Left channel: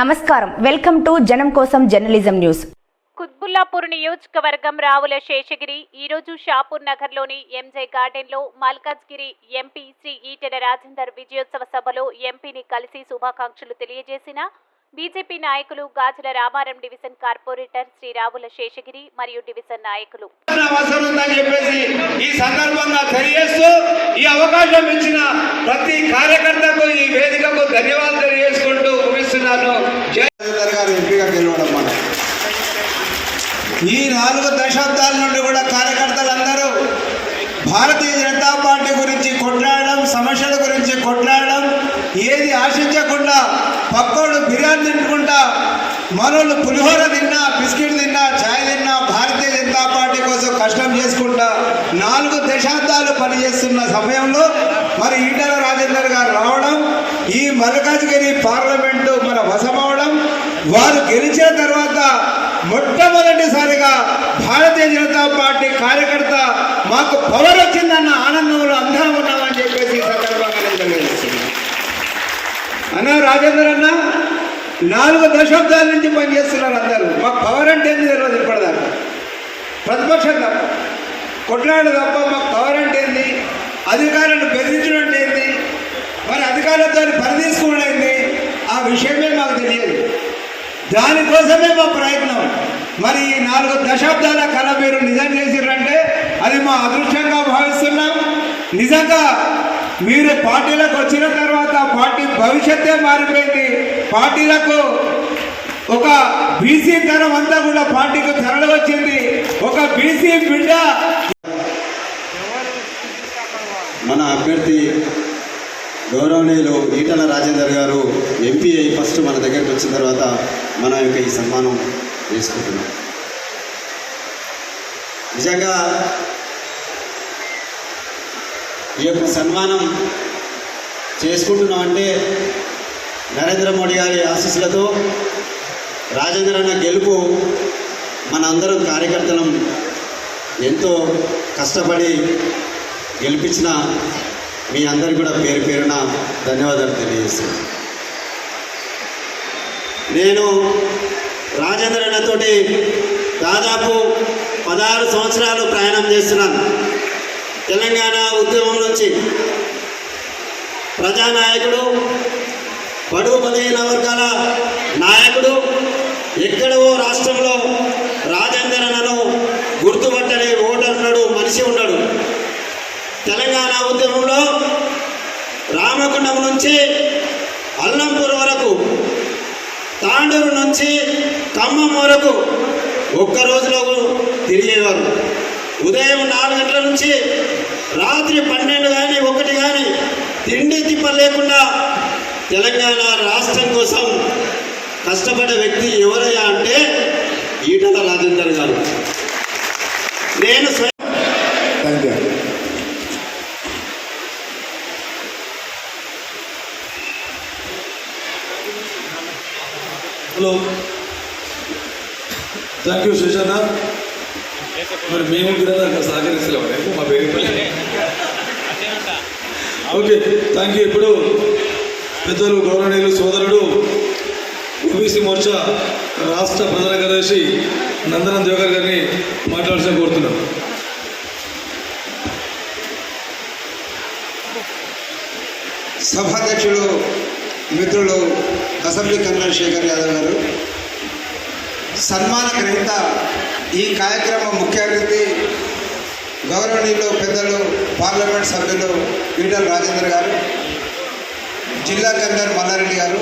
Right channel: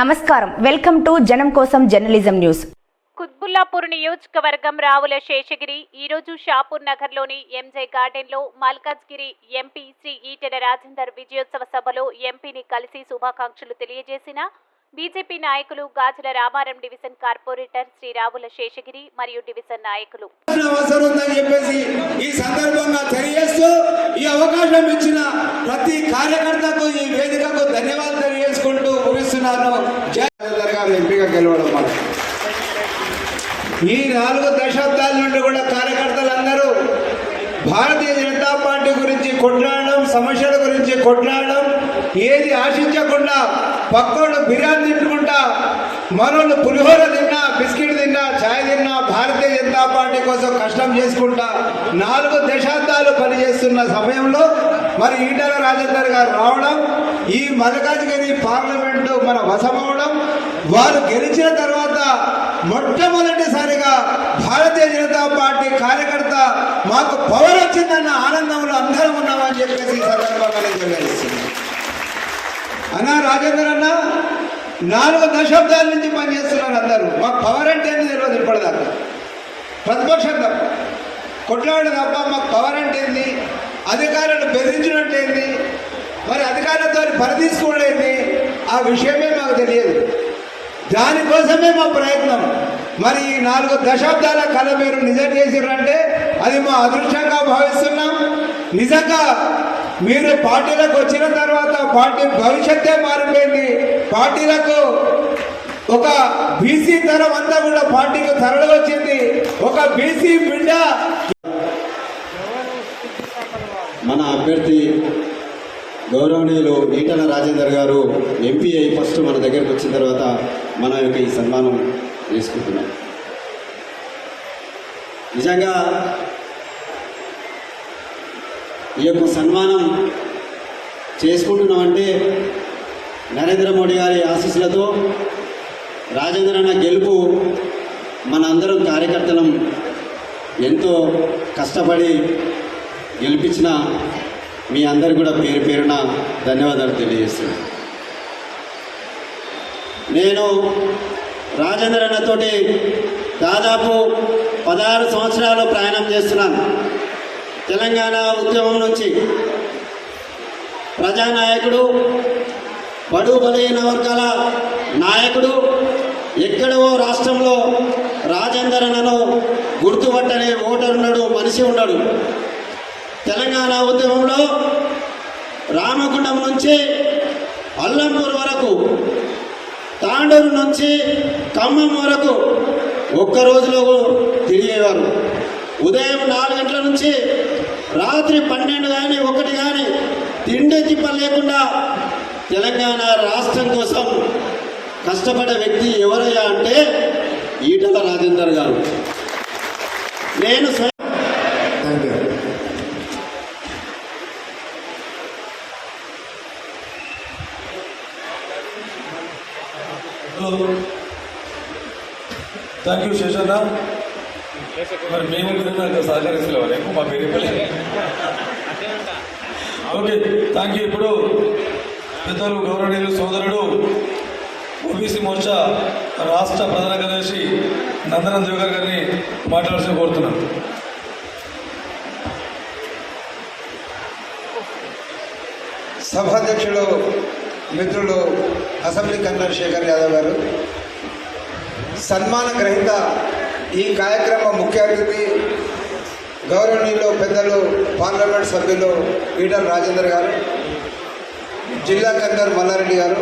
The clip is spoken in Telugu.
నమస్కారం. వెల్కమ్ టు జనం కోసం జర్నలిజం న్యూస్. కుత్బుల్లాపూర్ నియోజకవర్గం రావుల శేషగిరి ఈరోజు షాపూర్ నగర్లోని ఎంజే గార్డెన్లో మల్కాజ్గిరి ఎంపీ శ్రీ ఈటెల రాజేందర్ విజయోత్సవ సభలో ఎంపీని కలిసి శుభాకాంక్షలు తెలియజేసిన బీజేపీ నాయకులు గాజుల రామారం డివిజన్ కార్పొరేటర్ శ్రీ రావుల శేషగిరి మరియు డివిజన్ నాయకులు. ఈ సందర్భంగా తెలియజేస్తూ ఈ అవకాశం ఇచ్చిన ప్రతి కార్యకర్తకు ఈ నాలుగు దశాబ్దాల నుండి కూడా కార్యకర్తలందరూ భారతీయ జనతా పార్టీ గురించి కొట్లాడడం సమస్యల గురించి కొట్లాడడం ఏది ఆశించకుండా పక్కోడు బిర్యానీ తిట్టుకుంటా మరోళ్ళు పులిహోర తిన్నా బిస్కెట్ తిన్నా ఛాయ్ తిన్నా భారతీయ జనతా పార్టీ కోసం కష్టం చేసుకుంటా నాలుగు దశాబ్దాలు పనిచేస్తున్న సమయంలో మరి ఈటల రాజేందర్ గారు రావడం ఈ మల్కాజ్గిరి పార్లమెంట్ మన వశమవడం వారు గెలిచిన తర్వాత మొట్టమొదటిసారిగా భారతీయ జనతా పార్టీ కార్యకర్త మాకు పవర్ వచ్చిందన్న ఆనందంలో అందరం ఉన్నామని చెప్పేసి సందర్భంగా నేను తెలియజేస్తున్నాను. అన్నా రాజేంద్ర అన్న నాలుగు దశాబ్దాల నుంచి పనిచేస్తున్నారు అందరూ. మాకు పవర్ అంటే ఏంది తెలియదు ఇప్పటిదాకా. ప్రతిపక్షం తప్ప కొట్లాడ తప్ప మాకు పవర్ అంటే ఏంది? అధికారులను బెదిరించడం అంటే ఏంది? మరి అధికారులతో పరదీసుకోవడం ఏంది? ఆ విషయమే మాకు తెలియదు. దానికోసమే మా ప్రయత్నం. మరి ఈ నాలుగు దశాబ్దాల కళ మీరు నిజం చేసిరంటే అది మా అదృష్టంగా భావిస్తున్నాం. నిజంగా మీరు పార్టీలకు వచ్చిన తర్వాత పార్టీ భవిష్యత్తే మారిపోయింది. పార్టీలకు ఒక బీసీ తరం అంతా కూడా పార్టీకి తరలి వచ్చింది. ఒక బీసీ బిడ్డ మన అభ్యర్థి గౌరవనీయులు ఈటల రాజేందర్ గారు ఎంపీ అయి ఫస్ట్ మన దగ్గరికి వచ్చిన తర్వాత మన యొక్క ఈ సన్మానం చేసుకుంటున్నాం నిజంగా ఈ యొక్క సన్మానం చేసుకుంటున్నామంటే నరేంద్ర మోడీ గారి ఆశీస్సులతో రాజేంద్ర అన్న గెలుపు మనందరం కార్యకర్తలం ఎంతో కష్టపడి గెలిపించిన మీ అందరు కూడా పేరు పేరున ధన్యవాదాలు తెలియజేస్తున్నాను. నేను దాదాపు పదహారు సంవత్సరాలు ప్రయాణం చేస్తున్నాను. తెలంగాణ ఉద్యమం నుంచి ప్రజానాయకుడు బడుగు బలహీన వర్గాల నాయకుడు ఎక్కడో రాష్ట్రంలో రాజేందర్ అన్నను గుర్తుపట్టని ఓటర్ ఉన్నాడు మనిషి ఉన్నాడు. తెలంగాణ ఉద్యమంలో రామగుండం నుంచి అల్లంపూర్ వరకు తాండూరు నుంచి ఖమ్మం వరకు ఒక్క రోజులో తిరిగేవారు. ఉదయం నాలుగు గంటల నుంచి రాత్రి పన్నెండు కానీ ఒకటి కానీ తిండి తిప్ప లేకుండా తెలంగాణ రాష్ట్రం కోసం కష్టపడే వ్యక్తి ఎవరయ్యా అంటే ఈటల రాజేందర్ గారు. నేను స్వయం థ్యాంక్ యూ శేషన్న మరి మేము విధంగా సహకరిస్తలేవారు ఎక్కువ మా పేరు ఓకే థ్యాంక్ యూ ఇప్పుడు పెద్దలు గౌరవనీయులు సోదరుడు ఓబీసీ మోర్చా రాష్ట్ర ప్రధాన కార్యదర్శి నందనం దేవగర్ గారిని మాట్లాడాల్సిన కోరుతున్నాను సభాధ్యక్షుడు మిత్రుడు అసెంబ్లీ కన్వీనర్ శేఖర్ యాదవ్ గారు. సన్మాన గ్రహీత ఈ కార్యక్రమం ముఖ్య అతిథి గౌరవనీయులు పెద్దలు పార్లమెంట్ సభ్యులు ఈటల రాజేందర్ గారు జిల్లా కన్వీనర్ మల్లారెడ్డి గారు